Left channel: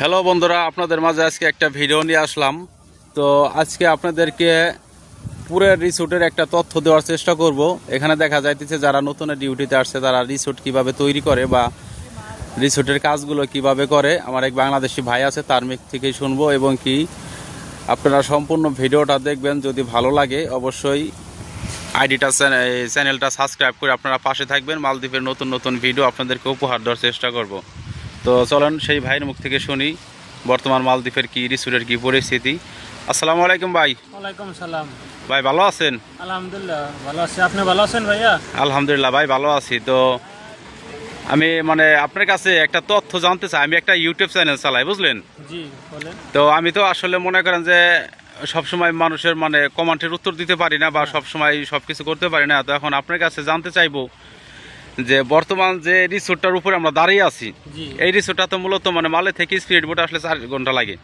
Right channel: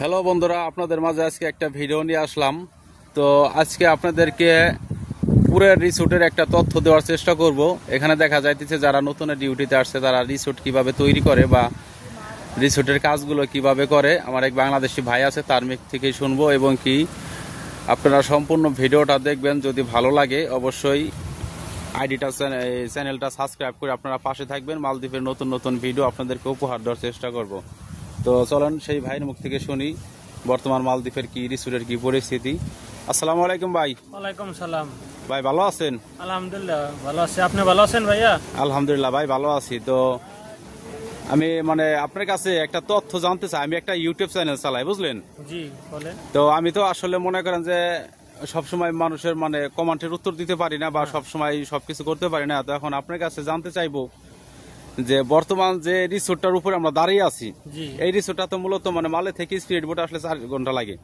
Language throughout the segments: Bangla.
হ্যালো বন্ধুরা, আপনাদের মাঝে আজকে একটা ভিডিও নিয়ে আসলাম। তো আজকে আপনাদেরকে পুরো রিসোর্টের একটা তথ্য দেওয়ার চেষ্টা করব। এখানে দেখা যাইতেছে যারা নতুন ডিউটিতে আসছে তারা রিসোর্ট কিভাবে তৈরি করে বা রিসোর্টের কাজগুলো কিভাবে করে, আমার এক বাংলাদেশি ভাই আছে, তার মুখ থেকেই শুনবো এবং কি আপনারা সম্পূর্ণ ভিডিওটা দেখবেন। যদি ভালো লাগে অবশ্যই চ্যানেলটা সাবস্ক্রাইব করে আপনারা পাশে থাকবেন। মালদ্বীপের নতুন নতুন ভিডিও আপনাদেরকে উপহার দেওয়ার চেষ্টা করব। তো চলেন সেই ভাইয়ের মুখ থেকে শুনি বর্তমান মালদ্বীপের কি রিসোর্টের কি পরিস্থিতি। আসসালামু আলাইকুম ভাই। ওয়ালাইকুম সালাম ভাই, ভালো আছেন? আলহামদুলিল্লাহ ভালো আছি। আপনি ভালো আছেন ভাইয়া? আলহামদুলিল্লাহ ভাই, ভালো আছি। তো আমি আপনার কাছে একটা তথ্য জানতে চাই। আমি একটা ইউটিউব চ্যানেল চালাই, বুঝলেন? জি বলেন। তো আমি তো আসলে মনে করেন যে সবসময় মানুষের কমেন্টের উত্তর দিতে পারি না বা সবসময় সবকিছু করতে পারি না। তো এখন আপনার কাছে জানতে চাইবো যে বর্তমান যে রিসোর্টটার উপরে আমরা দাঁড়িয়ে আছি, এই রিসোর্টটা তো মূলত মালে থেকে স্পিড বোট আসলে 4 ঘন্টা লাগে।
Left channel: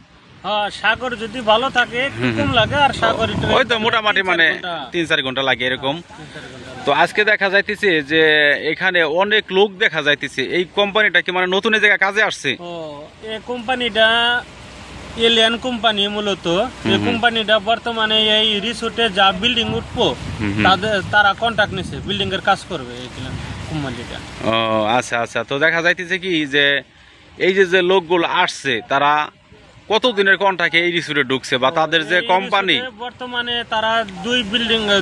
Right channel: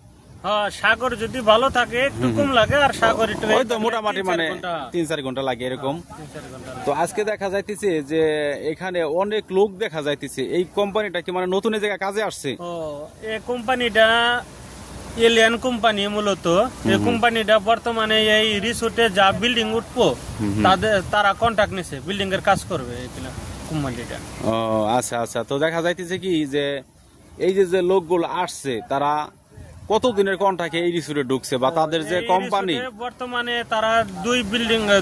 হ্যাঁ, সাগর যদি ভালো থাকে কম লাগে, আর সাগর হয়তো মোটামুটি 3-4 ঘন্টা লাগে এরকম। তো আজকে দেখা যাইতেছে যে এখানে অনেক লোক দেখা যাইতেছে। এই কোম্পানিটা কি নতুন জায়গায় কাজে আসছে? এই কোম্পানিটা এলিয়ান কোম্পানি। মূলত এই কোম্পানিটা বর্তমানে এই রিসোর্টে যা বিল্ডিং উঠবো তারা কন্ট্রাক্ট নিছে, বিল্ডিং এর কাজ করবে এই কোম্পানিটা। ও আচ্ছা আচ্ছা। তো দেখা যাইতেছে কি যে এই যে লোকগুলো আসছে তারা কতদিনের কন্ট্রাক্টে এই রিসোর্টে ঢুকছে বা তাদের যে কোম্পানি বর্তমানে তারা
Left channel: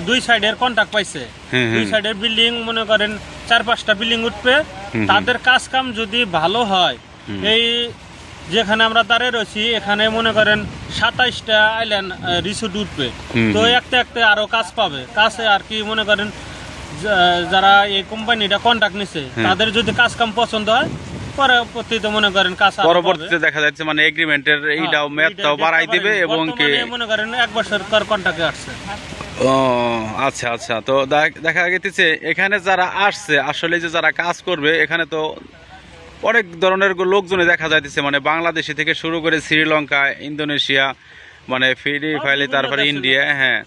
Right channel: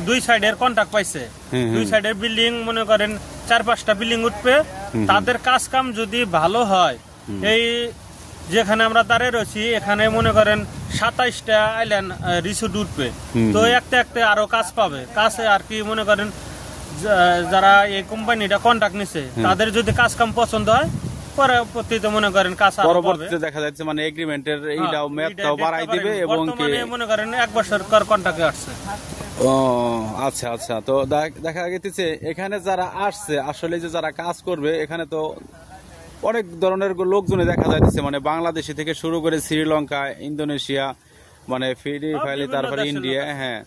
দুই সাইডের কন্ট্রাক্ট পাইছে। দুই সাইডের বিল্ডিং মনে করেন 4-5টা বিল্ডিং উঠবে। তাদের কাজ কাম যদি ভালো হয়, এই যেখানে আমরা দাঁড়িয়ে রয়েছি এখানে মনে করেন 27টা আইল্যান্ড রিসোর্ট উঠবে। তো একটা আরো কাজ পাবে। কাছে আর কি মনে করেন যারা এই কোম্পানিটা কন্ট্রাক্ট নিছে তাদের যদি কাজ কাম পছন্দ হয় পরবর্তীতে মনে করেন কাজ পরবর্তীতে দেখা যাচ্ছে এগ্রিমেন্টের এইটাও মেয়াদটাও বাড়াই দিবে এবং কি মনে করেন 1 বছর পর কন্ট্রাক্টে আসছে। ও আচ্ছা আচ্ছা। তো দেখা গেছে এখানে যারা আসছে আসলে যে যারা কাজ করবে এখানে তো অনেক ধরনের লোকজনে দেখা যাইতেছে, বাংলাদেশি থেকে শুরু করে শ্রীলঙ্কা, ইন্দোনেশিয়া, ফিলিপাইন, তারপরে ইন্ডিয়া। হ্যাঁ,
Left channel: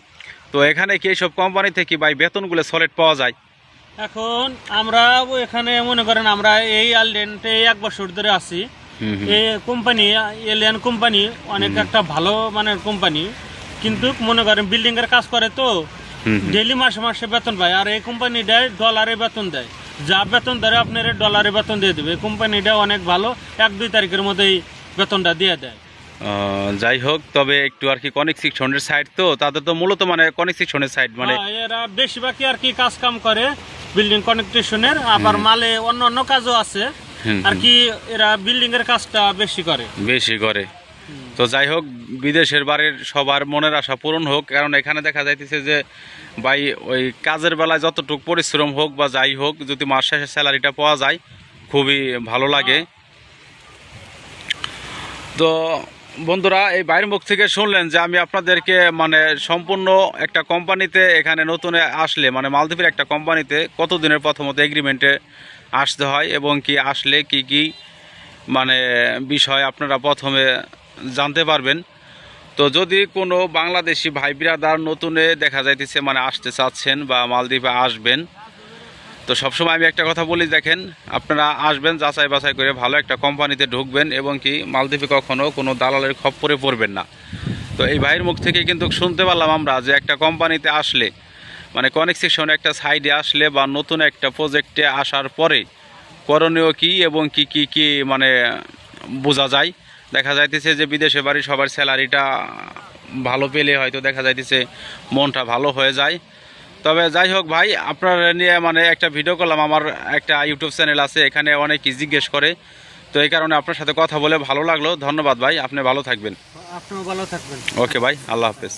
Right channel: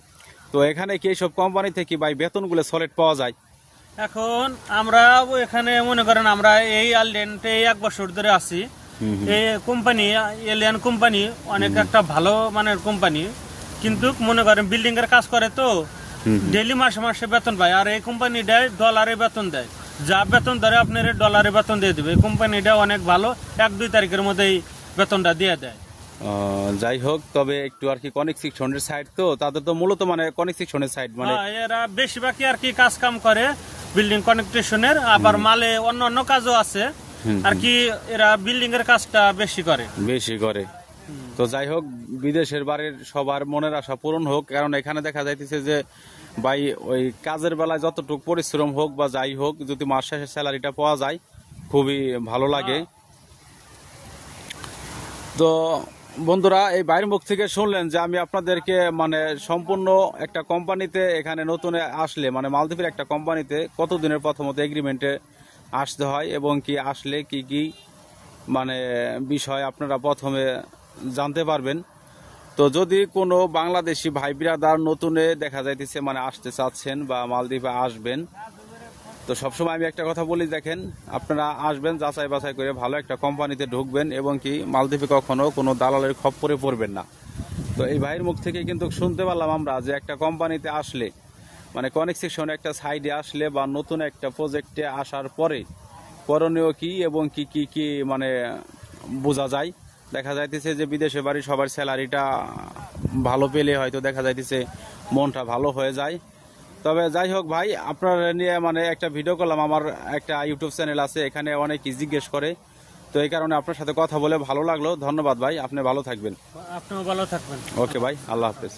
তো এখানে কি এইসব কোম্পানি থেকে ভাই বেতনগুলো সলিড পাওয়া যায়? এখন আমরা এখানে মনে করেন আমরা এই আইল্যান্ডে 1 বছর ধরে আছি। এই কোম্পানি এলিয়ান কোম্পানি অনেক একটা ভালো মানের কোম্পানি, কিন্তু মনে করেন বিল্ডিং এর কাজ করে তো ডেইলি মাসে মাসে বেতন পায়। আর এই কোম্পানি দেয় ডলারে বেতন দেয়, যা বেতন ধরে আপনার ডলারে বেতন দিয়ে দেবে। এই কোম্পানিটা অনেক ভালো, 1-2 তারিখের মধ্যেই বেতনটা দিয়ে দেয়। যাই হোক, তবে একটু আর কি কনিক সেকশনের সাইড তো তাদের তো মূলত কনিক সেকশনের সাইড এরা বেশিরভাগই আর কি কাজ কাম করে বিল্ডিং কনেকশনের। আবার মালে অন্য কাজও আছে আর কি, এরা বিল্ডিং এর কাজটা বেশি করে। তো যাই হোক, বিদেশের বাড়ির সবার মনের আশা পূরণ হোক। কারণ এখানে দেখা যাইতেছে যে ভাই ওই কাজের বেলায় যতটুকু পরিশ্রম হোক বা যাই হোক, যদি মাস শেষে স্যালারিটা পাওয়া যায় খুবই ভালো লাগে। তো বন্ধুরা, এই বাইরের মুখ থেকে শুনলেন যে আমি আপনাদেরকে সম্পূর্ণ একটা কোম্পানিতে এখানে নতুন আসলে মালদ্বীপের একটা কোম্পানিতে কতদিনের প্রথমত এগ্রিমেন্টে আসতে হয় এবং কি আসলে কি কি বিষয় আপনারা প্রথমে জানতে পারবেন। তো যদি কোনো বাংলাদেশি ভাই বিরাদার নতুনে দেখা যাইতেছে আসতে চাচ্ছেন বা মালদ্বীপে আসবেন, তো সবসময় আমি একটা কথা বলি, দেখেন আপনারা আসবেন যাচাই বাছাই করে ভালো একটা কোম্পানিতে ঢুকবেন এবং কি মালদ্বীপে কখনো কোনো দালালের খপ্পরে পড়বেন না। তো এই ভাইয়ের মুখ থেকে কিন্তু শুনতে পারলাম আমরা যে একটা কোম্পানিতে আসলে কনেক সেকশনে একটা সাইডে আসলে বা নতুন একটা প্রজেক্টে আসার পরে করণীয় কি এবং কি কি কি বোঝা যায়। দেখা যাইতেছে যে বিদেশে বাড়ি সবার স্যালারিটা ভালো পেলে হয়তো দেখা যাইতেছে মনটা ভালো হয়ে যায়। তবে যাই হোক ভাই, আপনার নিয়ে একটা ভিডিও করলাম। আমার একটা ইউটিউব চ্যানেল আছে, এখানে অনেকেই জিজ্ঞেস করে, তো এই কারণে আপনার সাথে কথা বলে ভালো লাগলো। ধন্যবাদ ভাই, আপনি ভালো থাকবেন। আপনিও ভালো থাকবেন। ওকে ভাই, আল্লাহ হাফেজ।